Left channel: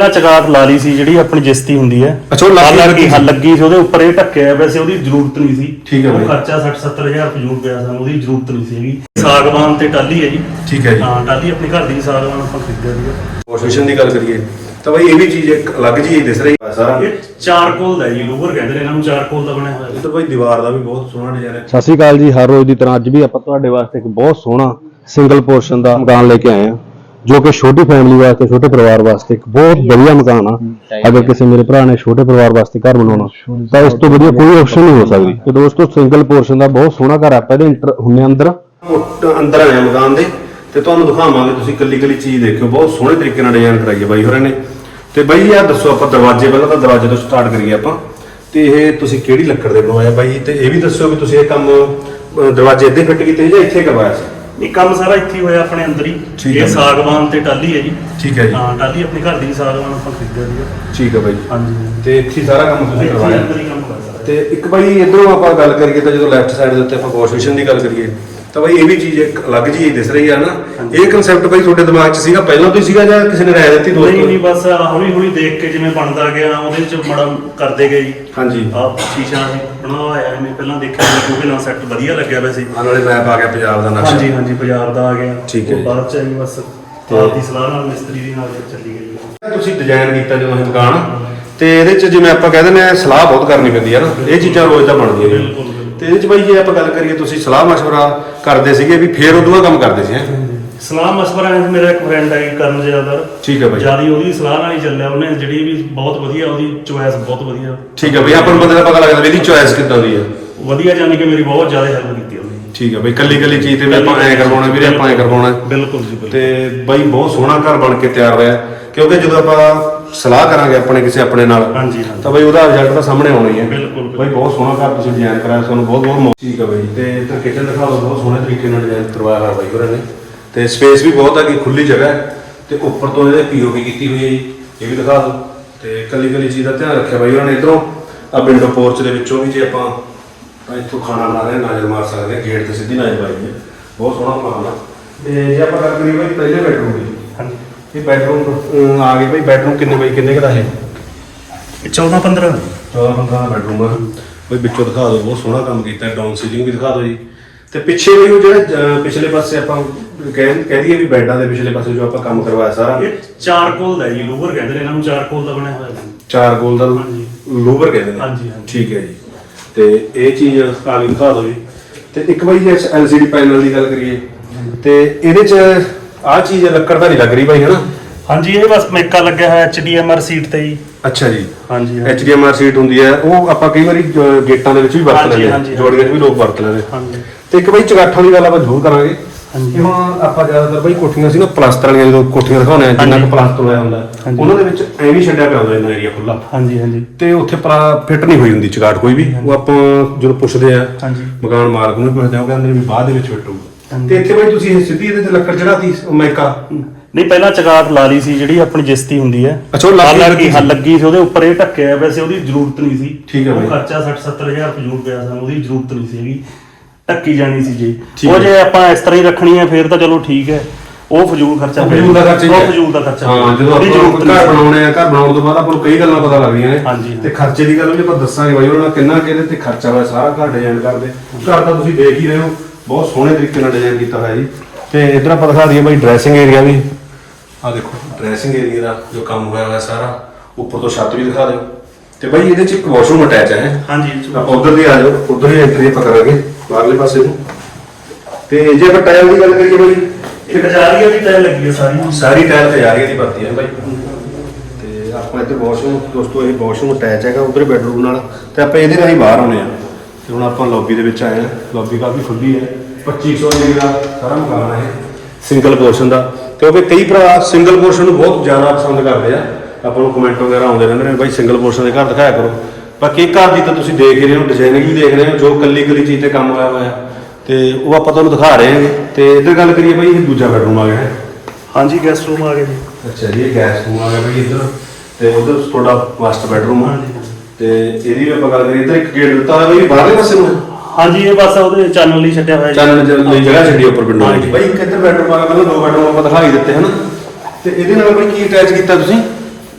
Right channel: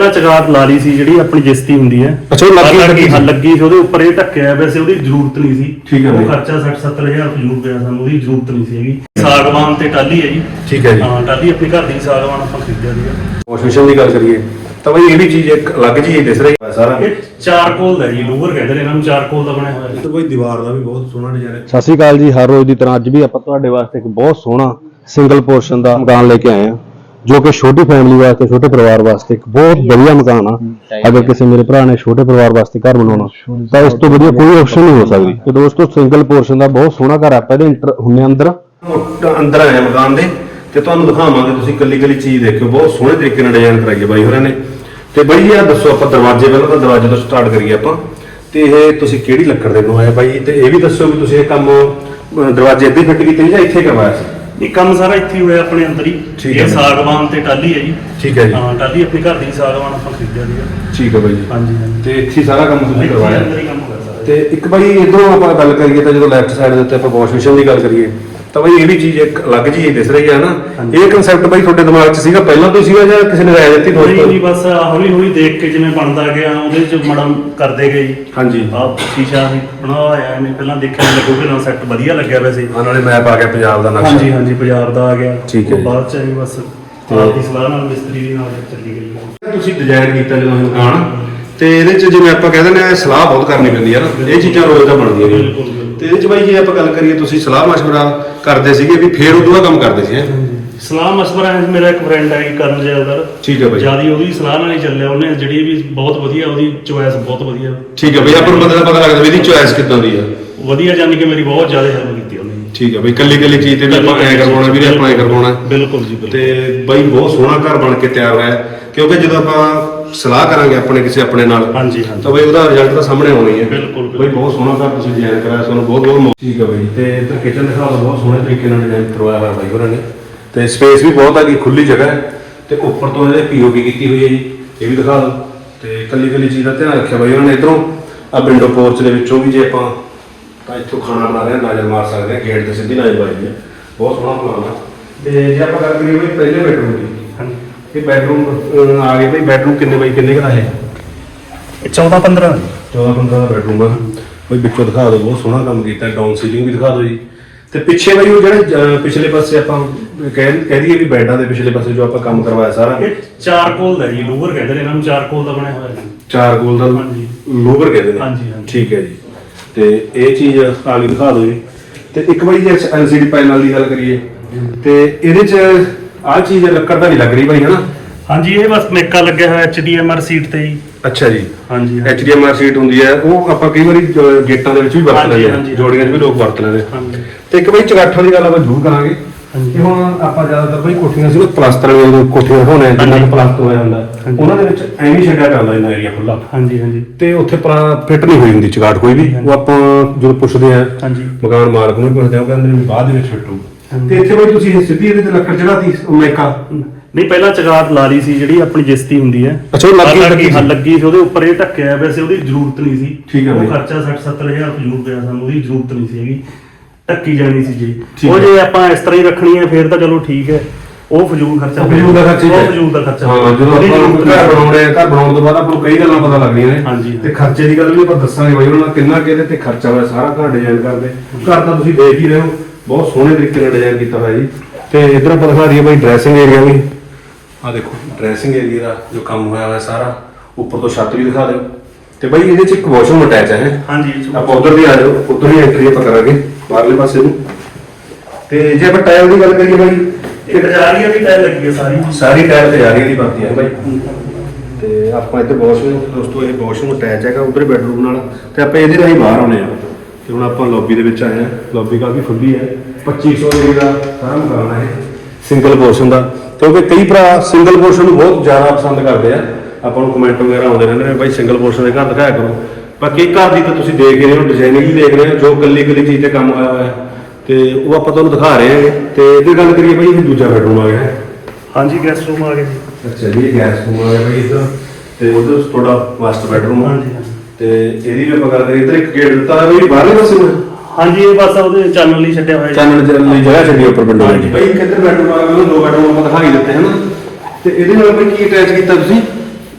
ਪਹਿਲਾਂ ਚਗਾਟ ਲਾ ਲਈ ਸੀ ਜਿਹੜੀ ਆਪਣੀ ਜਿਸਤੀ ਹੁੰਦੀ ਹੈ। ਅੱਛਾ, ਉਹ ਲੱਗੀ- ਲੱਗੀ ਸੀ। ਹਾਂ, ਲੱਗੀ ਸੀ ਉਹਦੇ ਉੱਪਰ ਇਹ ਢੱਕਿਆ ਵੈਸੇ ਉਹਦੀ ਜ਼ਰੂਰਤ ਨਹੀਂ ਸੀ। ਠੀਕ ਹੈ ਉਹ ਬਾਈ। ਖਰਚਾ 60 70000 ਫਜ਼ੂਲ ਪਿਆ ਸਾਨੂੰ ਉਹਦੀ ਜ਼ਰੂਰਤ ਨਹੀਂ ਸੀ ਹੈਗੀ। ਸਾਗਵਾਨ ਤੇ ਟਾਲੀ ਹੈ ਜੀ। ਠੀਕ ਹੈ ਜੀ। ਹਾਂ ਟਾਲੀ ਆਪਣੀ ਘਰ ਦੀ ਸਾਗਵਾਨ ਆਪਾਂ ਖਰੀਦਿਆ ਸੀਗਾ। ਵਾਸ਼ਿੰਗ ਦੀ ਗੱਲ ਕਰੀਏ ਤਾਂ ਬਈ ਇਹ ਵੀ ਚੀਜ਼ ਇੱਕ ਅਲੱਗ ਜਿਹੀ ਦਿਸ ਰਹੀ ਹੈ। ਸਾਰਾ ਇਹ ਚਾਰਕੋਲ ਦਾ ਜੀ ਲੂਵਰ ਕਹਿੰਦੇ ਨੇ ਇਹਨਾਂ ਨੂੰ ਚਾਰਕੋਲ ਦਾ ਬਣਿਆ ਹੋਇਆ। ਜੀ। ਇੱਧਰ ਬਈ ਦੀਵਾਰ ਦਾ ਵੀ ਬਹੁਤ ਸੋਹਣਾ ਡਿਜ਼ਾਈਨ ਹੈ। ਸਤਿ ਸ਼੍ਰੀ ਅਕਾਲ ਜੀ ਹਰ ਰੋਜ਼ ਦੀ ਤਰ੍ਹਾਂ ਅੱਜ ਵੀ ਆਪਾਂ ਤੁਹਾਡੇ ਵਾਸਤੇ ਇੱਕ ਬਹੁਤ ਸੋਹਣਾ ਸਿੰਗਲ ਪੋਰਸ਼ਨ ਦਾ ਮਕਾਨ ਲੈ ਕੇ ਆਏ ਹਾਂ। ਜੋ ਕਿ ਛੋਟੀ ਫੈਮਿਲੀ ਵਾਸਤੇ ਛੋਟੇ ਪਰਿਵਾਰ ਵਾਸਤੇ ਇੱਕ ਬਹੁਤ ਵਧੀਆ ਮਕਾਨ ਆ। ਅਗਰ ਕਿਸੇ ਮੇਰੇ ਭਰਾ ਨੇ ਛੋਟੇ ਪਰਿਵਾਰ ਵਾਸਤੇ ਘਰ ਬਣਾਉਣਾ ਤਾਂ ਇਸ ਤੋਂ ਵਧੀਆ ਕੋਈ ਆਪਸ਼ਨ ਨਹੀਂ ਹੋ ਸਕਦੀ। ਤੇ ਦੋਸਤੋ ਸਿੰਗਲ ਪੋਰਸ਼ਨ ਦਾ ਬਹੁਤ ਸੋਹਣਾ ਘਰ ਆ ਇਹਦੇ ਇੰਟਰ ਹੁੰਨੇ ਅੰਦਰ। ਅੰਦਰ ਆਇਆ ਮਕਾਨ ਦੇ ਤੇ ਤੁਹਾਨੂੰ ਦਿਖਾਵਾਂਗੇ ਤੁਸੀਂ ਕੱਲੀ ਕੱਲੀ ਚੀਜ਼ ਦੇਖਿਓ ਬਹੁਤ ਸੋਹਣੇ ਤਰੀਕੇ ਨਾਲ ਡਿਜ਼ਾਈਨ ਕਰਾਈ ਹੈ ਬਾਈ ਹੋਰਾਂ ਨੇ। ਤੇ ਬਾਈ ਜੀ ਆ ਦੱਸੋ ਆਪਾਂ ਦਰਵਾਜ਼ੇ ਪਹਿਲਾਂ ਤਾਂ ਦਰਵਾਜ਼ੇ ਤੋਂ ਸਟਾਰਟ ਕਰੀਏ ਆਪਾਂ। ਤੇ ਇਹ ਤੁਸੀਂ ਕਿਹੜੀ ਲੱਕੜ ਦੇ ਬਣਾਇਆ ਬਾਈ ਤੇ ਇਹ ਵੀ ਦੱਸੋ ਵੀ ਤੁਸੀਂ ਇਹ ਕੰਮ ਦਰਵਾਜ਼ੇ ਇੱਥੇ ਫਿੱਟ ਕੀਤੇ ਜਾਂ ਇੱਥੇ ਕਰਵਾਇਆ ਸੀ? ਇਹ ਕੰਮ ਸਾਰਾ ਇੱਥੇ ਹੀ ਹੋਇਆ ਆਪਣੇ ਅੰਦਰ ਹੀ। ਠੀਕ ਹੈ ਇਹ ਜੀ। ਸਾਗਵਾਨ ਤੇ ਟਾਲੀ ਹੈ ਜੀ। ਠੀਕ ਹੈ ਜੀ। ਹਾਂ ਟਾਲੀ ਆਪਣੀ ਘਰ ਦੀ ਸਾਗਵਾਨ ਆਪਾਂ ਖਰੀਦਿਆ ਸੀਗਾ। ਠੀਕ ਹੈ ਬਾਈ ਜੀ। ਹਾਂਜੀ ਹਾਂਜੀ। ਤੇ ਇੱਥੇ ਸਾਰਾ ਕੰਮ ਤੁਸੀਂ ਇੱਥੇ ਕਰਵਾਇਆ। ਅੰਦਰ ਹੀ ਕੰਮ ਕਰਦਾ ਤੇ ਇੱਕ ਬਾਈ ਇਧਰੋਂ ਆਪਾਂ ਗੱਲ ਕਰੀਏ ਤਾਂ ਜਦੋਂ ਲੈਫਟ ਸਾਈਡ ਦੇ ਉੱਤੇ ਆਪਾਂ ਵਾਸ਼ ਦੀ ਗੱਲ ਕਰੀਏ ਤਾਂ ਬਾਈ ਇਹ ਵੀ ਚੀਜ਼ ਇੱਕ ਅਲੱਗ ਜਿਹੀ ਦਿਸ ਰਹੀ ਹੈ ਨਾ। ਇਹ ਕਨਸੈਪਟ ਬਾਈ ਤੁਹਾਡੇ ਦਿਮਾਗ 'ਚ ਸੀਗਾ ਪਹਿਲਾਂ ਤੋਂ ਹੀ ਸੀਗਾ ਜਾਂ ਕਿਸੇ ਨੇ ਰਾਇ ਦਿੱਤੀ ਨਹੀਂ ਦੋਸਤੋ? ਨਹੀਂ ਬਸ ਹੌਲੀ ਹੌਲੀ ਦੇਖ ਕੇ ਜਿਵੇਂ ਬਣਦਾ ਗਿਆ ਉਹਦੇ ਚ ਮੜਾ ਕਰਦੇ ਗਏ ਜੀ। ਹਾਂਜੀ। ਆਹ ਸ਼ੀਸ਼ਾ ਸੀ ਬਣਾਇਆ ਐਵੇਂ ਪਹਿਲਾਂ ਦੇਖਿਆ ਲੱਗੋ ਕਿ ਨਾ ਸੈੱਟ ਵਧੀਆ ਲੱਗਿਆ ਵੈਸੇ ਆਹ ਨਾਲੇ ਮੈਪ ਆ ਗਿਆ ਪੰਜਾਬ ਦਾ ਨਕਸ਼ਾ। ਹਾਂਜੀ ਹਾਂਜੀ ਬਾਜ਼ਾਰ ਦਾ ਆ ਗਿਆ। ਠੀਕ ਹੈ ਉਹ ਜੀ। ਬਾਅਦ ਚ ਐਵੇਂ ਬਸ ਆਪ ਦੀ ਸਲਾਹ ਨਾਲ ਮਿਸਤਰੀ ਦੀ ਨਾਲ ਚੱਲੀ ਗਈ। ਤੁਸੀਂ ਡਿਜ਼ਾਈਨ ਕੀਤਾ ਜਦੋਂ ਇਹ ਮਕਾਨ ਤੇ ਇਹਦੇ 'ਚ ਜਿਵੇਂ ਆਪਾਂ ਕਹਿੰਦੇ ਨੇ ਸਲਾਹ ਬਹੁਤ ਕਰਨੀ ਪੈਂਦੀ ਹੈ ਨਾ। ਇਹ ਚੀਜ਼ਾਂ ਰੋਜ਼ ਦਾ ਬਣਦੀਆਂ ਨੇ। ਤੇ ਇਹਦੇ 'ਚ ਬਾਈ ਜੇ ਆਪਾਂ ਗੱਲ ਕਰੀਏ ਤੁਸੀਂ ਸਲਾਹ ਮਸ਼ਵਰਾ ਕਰਦੇ ਸੀਗੇ ਵੀ ਫੇਰ ਬਾਅਦ ਕੰਮ ਕਰਦੇ ਸੀ ਹੈਂ? ਸਲਾਹ ਮਸ਼ਵਰਾ ਹੈ ਮੇਰਾ ਇੱਕ ਫਰੈਂਡ ਹੈ ਕਰਨ ਜੈਦਰ ਠੀਕ ਹੈ ਬਾਈ। ਜਿਆਦੀ ਉਹਦੀ ਸਲਾਹ ਨਾਲ ਹੀ ਚੱਲਿਆ ਉਹਨੇ ਜਿਹੜੀ ਵੀ ਬਹੁਤ ਵਧੀਆ ਉਹਦੀ ਚੁਆਇਸ ਬਹੁਤ ਵਧੀਆ। ਠੀਕ ਹੈ ਬਈ ਆਪਾਂ ਨੂੰ ਪਤਾ ਪਤਾ ਲੱਗਦਾ ਵੀ ਇਹਦੀ ਚੋਇਸ ਕਿੱਦਾਂ ਦੀ ਹੈ ਵਧੀਆ ਜਾਨੀ ਕਿ ਮੇਰੀ ਬਹੁਤ ਜ਼ਿਆਦਾ ਹੈਲਪ ਕੀਤੀ ਉਹਨੇ। ਠੀਕ ਹੈ ਬਈ ਕੱਲੀ ਕੱਲੀ ਚੀਜ਼ ਤੇ ਵੀ ਆਪਾਂ ਐ ਕਰਵਾਉਣਾ ਵੀ ਆਪਾਂ ਐ ਕਰਵਾਉਣਾ। ਬਿਲਕੁਲ ਜੀ ਬਿਲਕੁਲ। ਤੇ ਬਾਈ ਬਹੁਤ ਸੋਹਣਾ ਘਰ ਬਣ ਕੇ ਤਿਆਰ ਹੋਇਆ। ਕਿਉਂਕਿ ਜਦੋਂ ਆਪਾਂ ਸਲਾਹ ਕਰਾਂਗੇ ਆਪਣੇ ਕਿਸੇ ਆਪਣੇ ਨਾਲ। ਹਾਂਜੀ ਹਾਂਜੀ। ਤਾਂ ਬਈ ਉਹਦਾ ਰਿਜ਼ਲਟ ਤਾਂ ਸਾਹਮਣੇ ਆਉਣਾ ਹੀ। ਹੈ ਬਿਲਕੁਲ। ਬਈ ਬਹੁਤ ਸੋਹਣਾ ਘਰ ਤੁਸੀਂ ਡਿਜ਼ਾਈਨ ਕਰਾਇਆ ਤੁਹਾਨੂੰ ਬਹੁਤ ਬਹੁਤ। ਠੀਕ ਹੈ ਬਾਈ ਤੇ ਇੱਧਰ ਕਿਚਨ ਦਿਖਾਓ ਬਹੁਤ ਸੋਹਣੇ ਤਰੀਕੇ ਨਾਲ ਡਿਜ਼ਾਈਨ ਕਰਵਾਇਆ ਹੋਇਆ ਬਾਈ ਹੋਰਾਂ ਨੇ। ਤੇ ਸਪੇਸ ਵੀ ਬਹੁਤ ਹੈ ਕਿ ਖੁੱਲੀ ਜਗ੍ਹਾ ਹੈ। ਤੇ ਉੱਪਰ ਤੋਂ ਇਹਦੇ ਪੀਓਪੀ ਕੀਤੀ ਹੋਈ ਹੈ ਜੀ ਇਹ ਵੀ ਦਿਖਾ ਦਿਓ। ਤੇ ਕੱਲੀ ਕੱਲੀ ਚੀਜ਼ ਦਾ ਧਿਆਨ ਰੱਖਿਆ ਬਾਈ ਉਹਨਾਂ ਨੇ ਇਧਰੋਂ। ਆ ਵਿੰਡੋ ਪੋਰਚ ਦੇ ਵਿੱਚੋਂ ਵੀ ਜੇ ਆਪਾਂ ਤਾਂ ਇੱਥੋਂ ਖਾਣਾ ਬਣਾ ਰਹੇ ਨਜ਼ਰ ਮਾਰ ਸਕਦੇ ਹਾਂ ਗੇਟ ਤੇ ਸਿੱਧੀ ਨਜ਼ਰ ਮਾਰਦੀ ਹੈ ਬਹੁਤ ਸੋਹਣਾ ਮਕਾਨ ਹੈ। ਤੇ ਜੇ ਆਪਾਂ ਗੱਲ ਕਰੀਏ ਬਾਈ ਪਹਿਲੇ ਬੈਡਰੂਮ ਦੀ ਇਹ ਬੈਡਰੂਮ ਆ ਗਏ ਬਈ ਬੈਡਰੂਮ ਕਿੰਨੇ ਬਾਈ ਕਿੰਨੇ ਕੁ ਦਾ ਹੈ? ਇਹ 14 15 14 15 ਦਾ ਬੈਡਰੂਮ ਆ। ਬਈ ਵਿੱਚੋਂ ਦਿਖਾ ਦਿਓ ਬਹੁਤ ਸੋਹਣਾ ਕੰਮ ਕੀਤਾ ਡਾਊਨ ਸੀਲਿੰਗ ਵੀ ਦਿਖਾ ਦਿਓ ਜੀ। ਤੇ ਪਿੱਛੇ ਬਈ ਉਹ ਜਿਹੜੇ ਪਿਛਲੇ ਪਾਸੇ ਆਪਾਂ ਕਹਿ ਕਹਿ ਦਈਏ ਵੀ ਬੈਡਾਂ ਦੇ ਪਿਛਲੇ ਪਾਸੇ ਜੋ ਆਪਾਂ ਕੰਮ ਕਰਵਾਇਆ ਸਾਰਾ। ਇਹ ਚਾਰਕੋਲ ਦਾ ਜੀ ਲੂਵਰ ਕਹਿੰਦੇ ਨੇ ਇਹਨਾਂ ਨੂੰ ਚਾਰਕੋਲ ਦਾ ਬਣਿਆ ਹੋਇਆ ਜੀ। ਚਾਰ ਗੋਲ ਦਾ। ਲੋਵਰ ਕਹਿੰਦੇ ਨੇ। ਹਾਂਜੀ, ਹਾਂਜੀ। ਠੀਕ ਹੈ ਜੀ। ਤੇ ਇਹ ਚੀਜ਼ ਆ ਕੇ ਦਿਖਾ ਦਿਓ ਜੀ। ਤੇ ਇੱਕ ਵਾਰੀ ਜੇ ਐਲਸੀਡੀ ਪੈਨਲ ਦੀ ਗੱਲ ਕਰੀਏ ਤੇ ਇਹਦੇ ਚ ਆਹ ਚੀਜ਼ ਲੱਕੜ ਦਾ ਨਹੀਂ ਲੱਗ ਰਹੀ ਬਾਈ ਹੈਨਾ ਹਾਂਜੀ ਇਹ ਬਸ ਮੇਕਾ ਲੱਗਿਆ ਹੋਇਆ ਐਚਡੀਐਮਆਰ ਸੀਟ ਤੇ ਜੀ। ਅੱਛਾ ਜੀ। ਹਾਂਜੀ HDMI ਸੀਟ ਹੁੰਦੀ ਹੈ। ਉਹ ਆਪਾਂ ਕਈ ਵਾਰੀ ਗੇਟਾਂ ਦੇ ਵਿੱਚ ਵੀ ਵਰਤ ਹਾਂਜੀ, ਲਈਏ ਹਾਂਜੀ। ਜੋੜੀਆਂ 'ਚ ਵੀ ਲੋਕ ਵਰਤ ਲੈਂਦੇ ਹਾਂਜੀ। ਤੇ ਇੱਕ ਬਈ ਚਗਾਠਾਂ ਦੀ ਗੱਲ ਆਪਾਂ ਜ਼ਰੂਰ ਕਰਾਂਗੇ। ਕਿ ਹੁਣ ਆਪਾਂ ਜ਼ਿਆਦਾਤਰ ਬਈ ਕੋਠੀਆਂ ਸੀ ਨਾ ਪਲਾਸਟਰ ਵਾਲੀਆਂ ਜਦੋਂ ਕੋਠੀਆਂ ਦਿਖਾਉਂਦੇ ਆ ਜਿੰਨਾ ਕੁ ਪਲਾਸਟਰ ਹੋਇਆ ਹੁੰਦਾ। ਹਾਂਜੀ। ਉਹਨਾਂ ਦੇ ਵਿੱਚ ਐਵੇਂ ਹੀ ਛੱਡਿਆ ਪਿਆ ਹੁੰਦਾ ਇਹਨਾਂ ਏਰੀਆ ਖੁੱਲਾ ਹਾਂਜੀ ਹਾਂਜੀ। ਤੇ ਉੱਥੇ ਫਿੱਟ ਨਹੀਂ ਹੋਈ ਹੁੰਦੀ ਚਗਾਠ ਕੋਈ ਵੀ। ਉਹ ਆਪਾਂ ਜਦੋਂ ਪੁੱਛਦੇ ਆ ਹਾਂਜੀ। ਮਕਾਨ ਮਾਲਕ ਨੂੰ ਵੀ ਪੁੱਛਦੇ ਆ ਉਹ ਕਹਿੰਦੇ ਨੇ ਵੀ ਬਾਅਦ ਦੇ ਵਿੱਚ ਫਿੱਟ ਹੋਊ ਤੇ ਇੱਥੇ ਬਈ ਤੁਸੀਂ ਸਿੱਧੀ ਇਹਦੇ ਤੇ ਲੱਕੜ ਚੜਾਤੀ ਮੈਕਾ ਨਹੀਂ ਪਹਿਲਾਂ ਚਗਾਟ ਲਾ ਲਈ ਸੀ ਜਿਹੜੀ ਆਪਣੀ ਜਿਸਤੀ ਹੁੰਦੀ ਹੈ ਅੱਛਾ, ਉਹ ਲੱਗੀ- ਹਾਂ ਸੀ। ਲੱਗੀ ਸੀ ਉਹਦੇ ਉੱਪਰ ਇਹ ਢੱਕਿਆ ਵੈਸੇ ਉਹਦੀ ਜ਼ਰੂਰਤ ਨਹੀਂ ਸੀ ਠੀਕ ਹੈ ਉਹ ਬਾਈ। ਖਰਚਾ 60 70000 ਫਜ਼ੂਲ ਪਿਆ ਸਾਨੂੰ ਉਹਦੀ ਜ਼ਰੂਰਤ ਨਹੀਂ ਸੀ ਹੈਗੀ ਢੱਕੀ ਜਾਣੀ ਸੀ ਜੀ ਠੀਕ ਉਹ ਹੈ। ਜੇ ਆਪਾਂ ਇਸ ਤਰ੍ਹਾਂ ਹੀ ਰੱਖਣੀ ਹੈ ਫਿਰ ਤਾਂ ਚਲੋ ਠੀਕ ਹੈ ਉਹ ਫਜ਼ੂਲ ਖਰਚਾ ਉਹ ਫਜ਼ੂਲ ਦਾ ਖਰਚਾ ਹੀ ਹੈ। ਉਹ ਫਜ਼ੂਲ ਦਾ ਖਰਚਾ ਹਾਂ ਜਦੋਂ ਉਹਦੀ ਆਪਾਂ ਜ਼ਰੂਰਤ ਨਹੀਂ ਘਰ ਸੀ। ਬਣਾਉਣੇ ਆ ਘਰ ਬਣਾਉਣ ਤੋਂ ਬਾਅਦ ਆਪਾਂ ਨੂੰ ਕਈ ਗੱਲਾਂ ਪਤਾ ਲੱਗਦੀਆਂ ਨੇ ਹਾਂਜੀ। ਤੇ ਖਰਚੇ ਦੀ ਗੱਲ ਵੀ ਆਪਾਂ ਦੱਸਾਂਗੇ ਬਾਈ ਉਹਨਾਂ ਦਾ ਕਿੰਨਾ ਕਿਹਦੇ ਤੇ ਖਰਚਾ ਹੋਇਆ ਸਾਰਾ ਘਰ ਡਿਜ਼ਾਈਨ ਕਰਦੇ ਘਰ ਤਾਂ ਤੁਸੀਂ ਦੇਖ ਹੀ ਰਹੇ ਹੋ ਬਹੁਤ ਸੋਹਣੇ ਤਰੀਕੇ ਨਾਲ ਡਿਜ਼ਾਈਨ ਕੀਤਾ ਹੋਇਆ ਜੀ। ਤੇ ਇਧਰ ਆਪਾਂ ਦਿਖਾ ਦਈਏ ਬਾਈ ਡਰੈਸਿੰਗ ਏਰੀਆ ਵੀ। ਆ ਦੇਖੋ ਡਰੈਸਿੰਗ ਏਰੀਆ ਦਾ ਜੋ ਕੰਮ ਹੋਇਆ ਹੋਇਆ ਸਾਰਾ ਉੱਪਰ ਤੋਂ ਛੱਤ ਵੀ ਦਿਖਾ ਦਿਓ। ਤੇ ਬਾਈ ਇਹਦੇ ਚ ਇੱਕ ਵਾਸ਼ਰੂਮ ਅਟੈਚ ਹੈ? ਹਾਂਜੀ ਆਪਾਂ ਉਧਰ ਦੀ ਆ ਜਾਓ ਉਧਰ ਹੀ ਐਂਟਰੀ ਆਪਾਂ ਕਰਾਂਗੇ ਬਾਹਰਲੇ ਪਾਸੇ ਨੂੰ। ਤੇ ਜੇ ਆਪਾਂ ਟਾਇਲ ਦੀ ਗੱਲ ਕਰੀਏ ਬਾਈ ਇੱਕ ਜਾਰੀ ਵੀ ਟਾਇਲ ਲੱਗੀ ਹੈ ਸਾਰੀ? ਸਾਰੀ ਟਾਇਲ ਤਿਆਰੀ ਦੀ ਵਰਤੀ ਹੈ ਬਾਈ। ਤੇ ਆਪਾਂ ਇੱਧਰ ਵਾਸ਼ਰੂਮ ਦੋਸਤੋ ਇਹ ਵਾਸ਼ਰੂਮ ਅਟੈਚ ਹੈਗਾ ਉਧਰ ਬੈਡਰੂਮ ਨਾਲ। ਤੇ ਆਪਾਂ ਇਹਦੇ ਨਾਲ ਹੀ ਬਾਹਰ ਆਉਣੇ ਆ। ਤੇ ਹੁਣ ਆਪਾਂ ਲੌਬੀ ਦੇ ਵਿੱਚ ਆਏ ਆ। ਲੌਬੀ ਕਾਫੀ ਖੁੱਲੀ ਹੈ। 2500 ਰੁਪਏ ਦਾ ਸਾਰਾ ਮਕਾਨ ਹੈ ਸਿੰਗਲ ਪੋਰਸ਼ਨ ਦਾ। ਕਿਉਂਕਿ ਕਈ ਭਰਾ ਸਿੰਗਲ ਪੋਰਸ਼ਨ ਨੂੰ ਬਹੁਤ ਜ਼ਿਆਦਾ ਪਸੰਦ ਕਰਦੇ ਆ। ਆਪਾਂ ਨੂੰ ਕਮੈਂਟ ਵਗੈਰਾ ਆਉਂਦੇ ਰਹਿੰਦੇ ਨੇ ਬਾਈ ਸਿੰਗਲ ਪੋਰਸ਼ਨ ਦੇ ਘਰ ਦਿਖਾਇਆ ਕਰੋ। ਬਾਕੀ ਘਰ ਦੀ ਤਾਂ ਤੁਸੀਂ ਦੇਖ ਹੀ ਰਹੇ ਹੋ ਡਿਜ਼ਾਈਨਿੰਗ ਵੀ ਦੇਖ ਰਹੇ ਹੋ ਜੋ ਕੱਲੀ ਕੱਲੀ ਚੀਜ਼ ਤੇ ਕੰਮ ਹੋਇਆ ਹੋਇਆ। ਹੈ ਤੇ ਉਹ ਆਪਾਂ ਤੁਹਾਨੂੰ ਦਿਖਾ ਰਹੇ ਹਾਂ ਤੇ ਇੱਧਰ ਗੱਲ ਕਰੀਏ ਬਾਈ ਇਹ ਦੂਜਾ ਬੈਡਰੂਮ ਆ ਗਿਆ। ਹਾਂਜੀ ਗੈਸਟ ਰੂਮ ਆ ਗਏ ਜੀ ਅੱਛਾ ਜੀ ਇਹ ਗੈਸ ਰੂਮ ਆ ਗਿਆ ਬਈ ਇੱਧਰ। ਤੇ ਉਧਰ ਤੁਹਾਡਾ ਮਾਸਟਰ ਬੈਡਰੂਮ ਆ। ਹਾਂਜੀ। ਤੇ ਇਹਦੀ ਵੀ ਆਪਾਂ ਗੱਲ ਕਰੀਏ ਇੱਧਰ ਇੱਕ ਗੇਟ ਦਿੱਤਾ ਹੋਇਆ ਬਈ ਬਾਹਰਲੇ ਪਾਸੇ ਨੂੰ। ਹਾਂਜੀ ਇਹ ਬਸ ਉਹਦੇ ਚੈਨਲ ਲਈ ਛੱਡਿਆ ਹੋਇਆ ਜੀ। ਚਾਨਣ ਚੱਲਣ ਲਈ ਜਗ੍ਹਾ ਛੱਡੀ ਉੱਪਰ ਵਿੰਡੋ ਹਾਂਜੀ। ਵਿੱਚ ਬਈ ਇੱਕ ਇੱਧਰ ਬੈਡਰੂਮ ਆ ਗਿਆ ਪਹਿਲਾਂ ਦੋ ਬੈਡਰੂਮ ਆਪਾਂ ਦਿਖਾਈ ਦਿੱਤੇ ਹਨ ਤੇ ਇਹਦੇ ਨਾਲ ਬਈ ਕੀ ਅਟੈਚ ਕੀਤਾ ਤੁਸੀਂ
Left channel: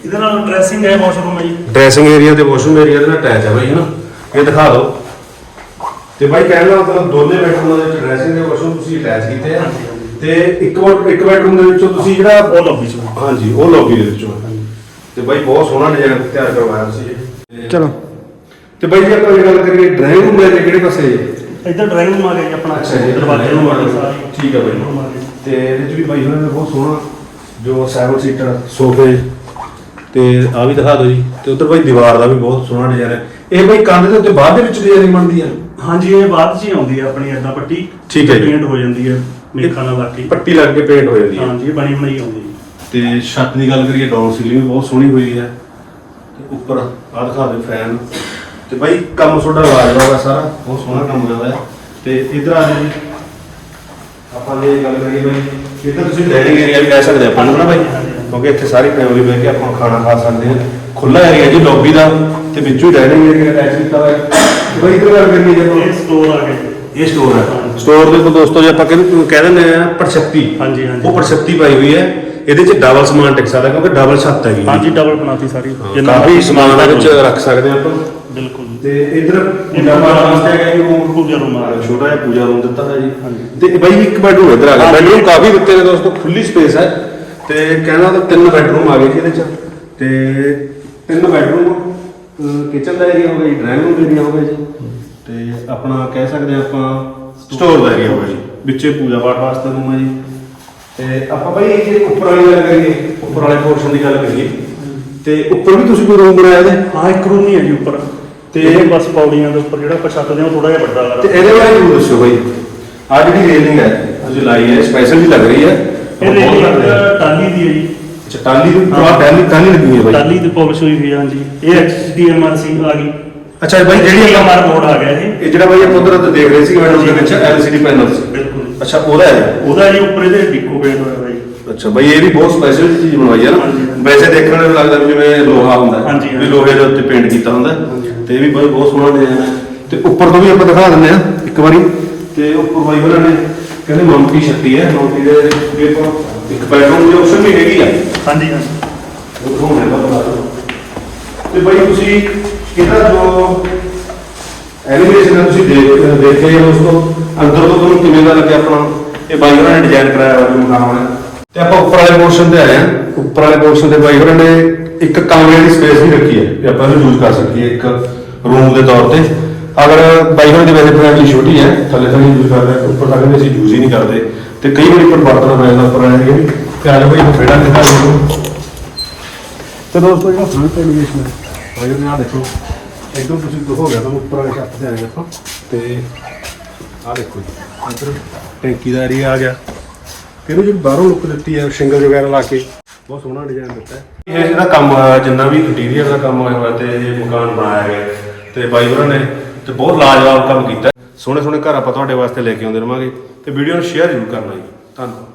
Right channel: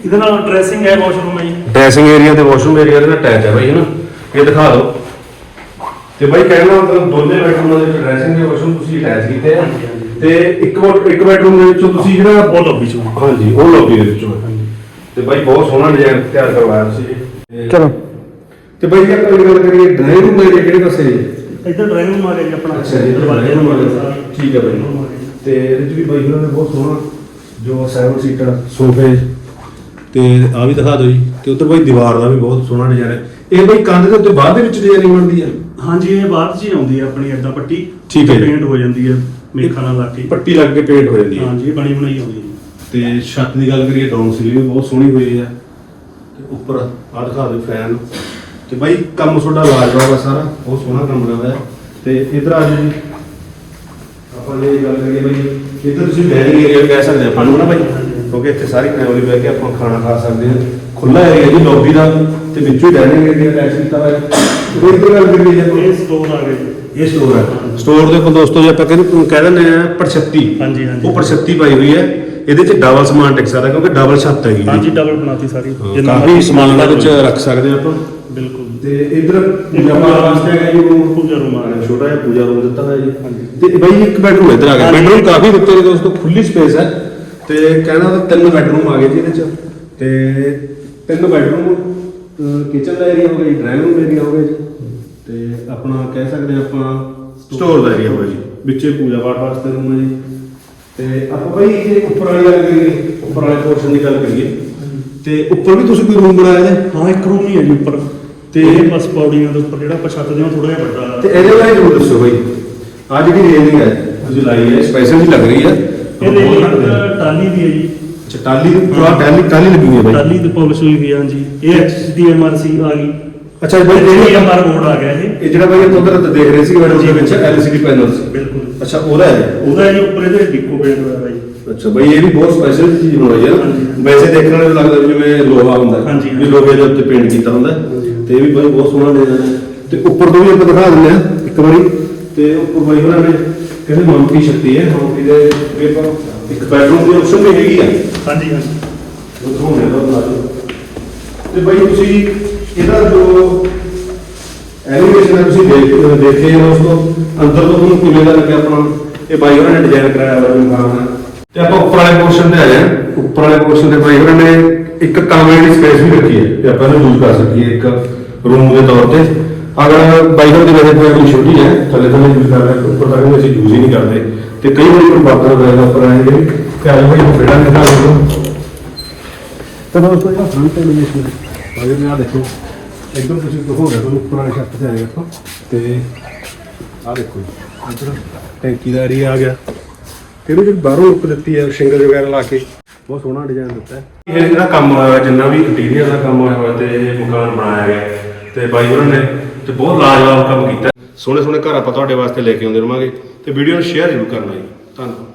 ਇਹਦੇ ਨਾਲ ਡਰੈਸਿੰਗ ਹੈ ਵਾਸ਼ਰੂਮ ਹੈ ਜੀ ਡਰੈਸਿੰਗ ਏਰੀਆ ਤੇ ਵਾਸ਼ਰੂਮ ਏਰੀਆ ਦੇ ਨਾਲ ਅਟੈਚ ਹੈ ਬਾਈ ਹੈ ਨਾ ਇਹ ਦਿਖਾ ਦਿਓ ਤੇ ਬਾਈ ਕਹਿਣ ਦਾ ਮਤਲਬ ਦੋਨੇ ਬੈਡਰੂਮਾਂ ਦੇ ਵਿੱਚ ਡਰੈਸਿੰਗ ਤੇ ਵਾਸ਼ਰੂਮ ਤੁਸੀਂ ਅਟੈਚ ਕੀਤੇ ਆ। ਤੇ ਇੱਕ ਵਾਰ ਇੱਕ ਬੈਡਰੂਮ ਦੇ ਵਿੱਚੋਂ ਤੁਸੀਂ ਜਿਹੜਾ ਉਹ ਲੌਬੀ ਚ ਹਾਂਜੀ ਉਹ ਲੌਬੀ ਦੇ ਵਿੱਚੋਂ। ਤੇ ਬਾਈ ਬਹੁਤ ਸੋਹਣਾ ਡਿਜ਼ਾਈਨ ਤਿਆਰ ਕਰਵਾਇਆ ਤੁਸੀਂ। ਚਲੋ ਤੇ ਬਾਈ ਜੇ ਆਪਾਂ ਇਹ ਗੱਲ ਕਰੀਏ ਡਰਾਇੰਗ ਰੂਮ ਦੇ ਕਿਹੜੇ ਪਾਸੇ? ਹੈ ਇੱਧਰ ਡਰਾਈਵਿੰਗ ਰੂਮ ਆ ਗਿਆ ਜੀ ਆਪਣਾ। ਅੱਛਾ ਜੀ ਦਰਵਾਜ਼ੇ ਰੂਮ ਆ। ਗਿਆ ਠੀਕ ਹੈ ਬਾਈ। ਤੇ ਇਹਦੇ ਵੀ ਬਾਈ ਹੋਣੇ ਨੇ ਬਹੁਤ ਸੋਹਣਾ ਜੋ 7 ਸੀਟਰ ਸੋਫੇ। ਤੇ ਆ ਵੀ ਦਿਖਾ ਦਿਓ ਜੀ। ਤੇ ਉੱਧਰ ਬਾਈ ਦੀਵਾਰ ਦਾ ਵੀ ਬਹੁਤ ਸੋਹਣਾ ਡਿਜ਼ਾਈਨ ਹੈ। ਇਹ ਬਾਈ ਕੰਧ ਦੇ ਉੱਤੇ ਬਾਅਦ ਦੇ ਵਿੱਚ ਡਿਜ਼ਾਈਨਿੰਗ ਬਣਦੀ ਹੈ ਹਾਂਜੀ ਇਹ ਬਾਅਦ ਚ ਹੀ ਆਉਂਦੀ ਹੈ ਆਪਣੀ ਐਡਾ ਪੱਟੀ। ਠੀਕ ਹੈ ਜੀ। ਪੇਂਟ ਹੋ ਜਾਂਦੀ ਹੈ ਮੇਖਾਂ ਨਾਲ ਲੱਗ ਕੇ। ਪੱਟੀ ਲੱਗ ਕੇ ਪੇਂਟ ਹੋ ਜਾਂਦੀ ਹੈ। ਹਾਂਜੀ ਇਹ ਬਣੀ ਬਣਾਈ ਆਉਂਦੀ ਹੈ ਜੀ। ਤੇ ਛੱਤ ਦੀ ਗੱਲ ਕਰੀਏ ਡਾਊਨ ਸੀਲਿੰਗ ਵੀ ਬਹੁਤ ਸੋਹਣੀ ਹੋਈ ਹੈ। ਤੇ ਉੱਪਰ ਆ ਦਿਖਾ ਦਿਓ ਫੈਨ ਤੇ ਬਾਈ ਕੰਮ ਤੁਹਾਡਾ ਲਾਜਵਾਬ ਹੈ ਸਾਰਾ ਬਹੁਤ ਸੋਹਣਾ ਕੰਮ ਕਰਦਾ ਹੈ ਤੇ ਇਧਰ ਆ ਜਾਓ ਜੀ। ਆਪਾਂ ਜੇ ਗੱਲ ਕਰੀਏ ਬਾਈ ਇੱਧਰ ਤੁਸੀਂ ਡਾਈਨਿੰਗ ਏਰੀਆ ਵੀ ਕਹਿ ਸਕਦੇ ਆਪਾਂ ਨੂੰ ਨਾ ਬਾਈ। ਕਿਉਂਕਿ ਇੱਥੇ ਸਾਰੀ ਫੈਮਿਲੀ ਬੈਠ ਕੇ ਆਪਾਂ ਖਾਣਾ ਖਾ ਸਕਦੇ ਹਾਂ। ਖੁੱਲਾ ਏਰੀਆ ਜੀ ਲੌਬੀ ਦਾ ਤੇ ਵਿੱਚੋਂ ਡਾਈਨਿੰਗ ਏਰੀਆ ਅਟੈਚ ਕੀਤਾ ਹੋਇਆ। ਹੈ ਬਾਈ ਇੱਧਰ ਗੱਲ ਕਰੀਏ ਇਹ ਜਦੋਂ ਸਟੋਰ ਆ ਗਿਆ ਇਹ ਸਟੋਰ ਹੈ ਸਟੋਰ ਦੇ ਕੋਲ ਦੋਸਤੋ ਜੇ ਆਪਾਂ ਕਹਿੰਦੇ ਕਹਿ ਦਿੰਦੇ ਆ ਪਰਛੱਤੀ ਹਾਂਜੀ, ਹਾਂਜੀ। ਉਹ ਪਰਛੱਤੀ ਪਾਈ ਹੋਈ ਹੈ। ਇਹਦੇ ਚ ਡਬਲ ਸਮਾਨ ਟਿਕ ਸਕਦਾ ਕਿਉਂਕਿ ਡਬਲ ਛੱਤ ਹੈਗੀ ਹਾਂਜੀ। ਡਬਲ ਬਣਾਤੀ ਸਾਰੀ। ਕਾਫੀ ਸਮਾਨ ਇਹਦੇ ਚ ਰੱਖ ਸਕਦੇ ਆ ਆਪਾਂ। ਬਿਲਕੁਲ। ਤੇ ਇਧਰ ਪੂਜਾ ਪਾਠ ਵਾਸਤੇ ਹੈਗਾ ਜੀ ਰੂਮ ਪੂਜਾ room ਆ ਗਿਆ। ਛੋਟਾ ਜਿਹਾ ਪੂਜਾ ਰੂਮ ਦਿੱਤਾ ਹੋਇਆ ਜੀ। ਤੇ ਬਾਈ ਇੱਕ ਬੈਡਰੂਮ ਇਧਰ ਆ ਗਿਆ। ਬੈਡਰੂਮ ਕਾਫੀ ਦਿੱਤੇ ਨੇ ਦੋਸਤੋ ਖੁੱਲੀ ਸਪੇਸ ਹੈ। ਤੇ ਕਹਿਣਾ ਤਾਂ ਤਿੰਨ ਬੈਡਰੂਮ ਆ ਗਏ ਜੀ ਇਹਦੇ ਚ। ਤੇ ਤਿੰਨ ਬੈਡਰੂਮ ਕਿਚਨ ਦਾ ਏਰੀਆ ਹੋ ਗਿਆ ਜੀ ਡਰਾਇੰਗ ਰੂਮ ਏਰੀਆ ਹੋ ਗਿਆ ਜੀ। ਤੇ ਆਪਣਾ ਕਹਿ ਸਕਦੇ ਆਪਾਂ ਸਟੋਰ ਦਾ ਏਰੀਆ ਜੀ। ਵਿੱਚੇ ਪੂਜਾ ਪਾਠ ਵਾਸਤੇ ਰੂਮ ਹੈ ਜੀ। ਤੇ ਆਪਾਂ ਬਾਈ ਜੇ ਉੱਪਰ ਵਾਲੀ ਗੱਲ ਕਰੀਏ ਉੱਪਰ ਵਾਲੇ ਪੋਰਸ਼ਨ ਦੀ ਗੱਲ ਕਰੀਏ। ਤੇ ਉੱਪਰ ਵੀ ਤੁਸੀਂ ਕੋਈ ਰੂਮ ਬਣਾਇਆ ਇਹਦੇ ਹਾਂ ਇੱਕ ਰੂਮ ਹੀ ਹੈ ਜੀ ਉੱਪਰ। ਤੇ ਇਹ ਬਸ ਪੌੜੀਆਂ ਦੇ ਉੱਪਰ ਜਿਹੜਾ ਆਪਾਂ ਛੱਤ ਦੇ ਉਹ ਥੋੜਾ ਜਿਹਾ ਵੱਡਾ ਤੇ ਹੈ ਇਹਦੇ ਬਾਰੇ ਜ਼ਰੂਰ ਦੱਸੋ ਬਾਈ। ਆ ਜਿਹੜੀ ਰੇਲਿੰਗ ਹੈ ਤੁਸੀਂ ਲਾਈ ਹੈ ਸਪੈਸ਼ਲ ਜੀ ਲੱਗ ਰਹੀ ਹੈ। ਇਹ ਰੇਲਿੰਗ ਟਾਲੀ ਦੀ ਹੈ ਜੀ। ਅੱਛਾ ਟਾਲੀ ਦੀ ਪੂਰਾ ਟਾਲੀ ਟਾਲੀ ਲੱਗੀ ਹੈ ਬਾਈ। ਟਾਲੀ ਦੀ ਪਾਲਿਸ਼ ਹੋਈ ਹੋਈ ਹੈ ਹਾਂਜੀ। ਇਹ ਐਚਡੀਐਮਆਰਸੀ ਆ ਗਈ। ਅੱਛਾ ਬਾਈ ਜਿਹੜੀ ਆਪਾਂ ਐਚਡੀਐਮਆਰ ਬੋਰਡ ਆ ਗਿਆ ਇਹ। ਇਹ ਜਿਹੜਾ ਬਾਈ ਆਪਾਂ ਉਧਰ ਦੇਖ ਰਹੇ ਸੀ ਮੈਡਮ ਦੇ ਵਿੱਚ ਐਲਸੀਡੀ ਪੈਨਲ ਸੀ। ਬਿਲਕੁਲ। ਅੱਛਾ ਉਹਦਾ ਹੈ। ਉਹਦਾ ਜੀ ਉੱਪਰ ਇਹਦੇ ਡਿੱਕੋ ਪੇਂਟ ਹੋਇਆ ਹੋਇਆ ਅੱਛਾ ਬਾਈ ਇਹ ਵੀ ਬਹੁਤ ਸਪੈਸ਼ਲ ਚੀਜ਼ ਬਣਵਾਈ ਹੈ। ਨਾ ਵੈਸੇ ਦੇਖਣ ਨੂੰ ਲੱਗਦਾ ਵੀ ਜਿਵੇਂ ਲੋਹਾ ਹੁੰਦਾ ਹੈ। ਹਾਂਜੀ, ਵੀ ਹਾਂਜੀ। ਲੋਹੇ ਦੇ ਉੱਤੇ ਪੇਂਟ ਕੀਤਾ ਹੁੰਦਾ। ਤੇ ਇਹ ਵੀ ਬਹੁਤ ਬਹੁਤ ਸੋਹਣਾ ਹੈ ਤੇ ਉੱਪਰ ਤੋਂ ਵੀ ਆਪਾਂ ਦਿਖਾ ਦਿੰਦੇ ਆ ਇੱਕ ਵਾਰੀ ਤੇ ਉੱਪਰ ਬਾਈ ਉਹਨਾਂ ਨੇ ਕਹਿੰਦੇ ਮੰਕੀ ਛੱਤੀ ਹੈ ਮੰਕੀ ਦੇ ਵੇਖੋ ਇੱਕ ਬੈਡਰੂਮ ਦੀ ਆਪਸ਼ਨ ਵੀ ਹੈਗੀ ਆ ਹਾਂਜੀ ਹਾਂਜੀ ਆ ਤੁਹਾਨੂੰ। ਤੇ ਬਾਈ ਤੁਸੀਂ ਇਹਦਾ ਜੋ ਐਨੀਮੇਸ਼ਨ ਤੁਸੀਂ ਦੇਖ ਦੇਖੇ ਹੋ ਉਸ ਤੋਂ ਅੰਦਰ ਤੋਂ ਤੁਹਾਨੂੰ ਕਿਵੇਂ ਦਾ ਲੱਗਿਆ ਆਪਣਾ ਇਹ ਬਾਈ ਉਹਨਾਂ ਨੇ ਡਿਜ਼ਾਈਨ ਕਰਾਇਆ ਹੋਇਆ ਜੋ ਮਕਾਨ ਹੈ ਤੇ ਆਪਾਂ ਉੱਪਰ ਵਾਲੇ ਪੋਰਸ਼ਨ ਤੇ ਆਏ ਹਾਂ ਉੱਪਰ ਵਾਲੇ ਪੋਰਸ਼ਨ ਤੇ ਬਾਈ ਉਹਨਾਂ ਨੇ ਇੱਕ ਕਮਰੇ ਦੀ ਸਪੇਸ ਵੀ ਰੱਖੀ ਹੈ ਕਿ ਆਪਾਂ ਇਹਨੂੰ ਯੂਜ਼ ਕਰ ਸਕੀਏ ਇੱਕ ਰੂਮ ਦੇ ਤੌਰ ਤੇ। ਅਗਰ ਬਾਈ ਉਹਨਾਂ ਦੀ ਵੈਸੇ ਫੈਮਿਲੀ ਛੋਟੀ ਹੈ, ਥੱਲੇ ਥੱਲੇ ਯੂਜ਼ ਕਰ ਰਹੇ, ਉੱਪਰ ਤੱਕ ਅਸੀਂ ਯੂਜ਼ ਹੀ ਨਹੀਂ ਕਰਦੇ। ਤੇ ਕਈ ਵਾਰੀ ਕੋਈ ਬਰਤਨ ਹੋ ਜਾਂਦਾ ਉੱਪਰ ਆਏ ਨੇ ਤੇ ਆ ਜਾ ਬਾਈ ਇਹ ਫੇੜਾ ਦਿਖਾ ਦਿਓ ਤੇ ਦੋਸਤੋ ਇਹ ਫਰੰਟ ਐਲੀਵੇਸ਼ਨ ਹੈ ਅਗਰ ਨਾ ਦੇਖੋ। ਇੱਕਦਮ ਤੁਸੀਂ ਹੋ ਗਿਆ, ਤੁਹਾਨੂੰ ਉੱਪਰ ਵਾਲੇ ਛੱਤ ਤੇ ਆ ਗਿਆ ਆਪਾਂ। ਤੇ ਆ ਦੇਖੋ ਜੀ, ਇੱਧਰ ਟੈਂਕੀ ਦਾ ਏਰੀਆ ਆ ਗਿਆ। ਕਿਹੜੀ ਜਿਹੜੀ ਬਾਹਰੋਂ ਲੁੱਕ ਦਿੱਤੀ ਹੈ ਸ਼ਿੰਗਲ ਵਗੈਰਾ ਲਾ ਕੇ? ਬਹੁਤ ਸੋਹਣਾ ਡਿਜ਼ਾਈਨ ਦਿੱਤਾ ਹੈ। ਇਹ ਜਿਹੜਾ ਕੰਮ ਹੋਇਆ ਜਿੰਨਾ ਵੀ ਇੰਟੀਰੀਅਰ ਦਾ ਕੰਮ ਹੋਇਆ ਹੋਇਆ ਤੇ ਇਹ ਮਕਾਨ ਬਣਾਇਆ ਗਿਆ। ਤੇ ਬਾਈ ਹੋਰਾਂ ਨੇ ਤੇ ਬਹੁਤ ਲਾਜਵਾਬ ਕੰਮ ਕੀਤਾ। ਸੋਹਣੇ ਸੋਹਣੇ ਘਰ ਆਪਾਂ ਤੁਹਾਡੇ ਵਾਸਤੇ ਲੈ ਕੇ ਆਉਂਦੇ ਰਵਾਂਗੇ ਤੇ ਵੀਡੀਓ ਨੂੰ ਸ਼ੇਅਰ ਜ਼ਰੂਰ ਕਰਨਾ ਜੀ। ਧੰਨਵਾਦ।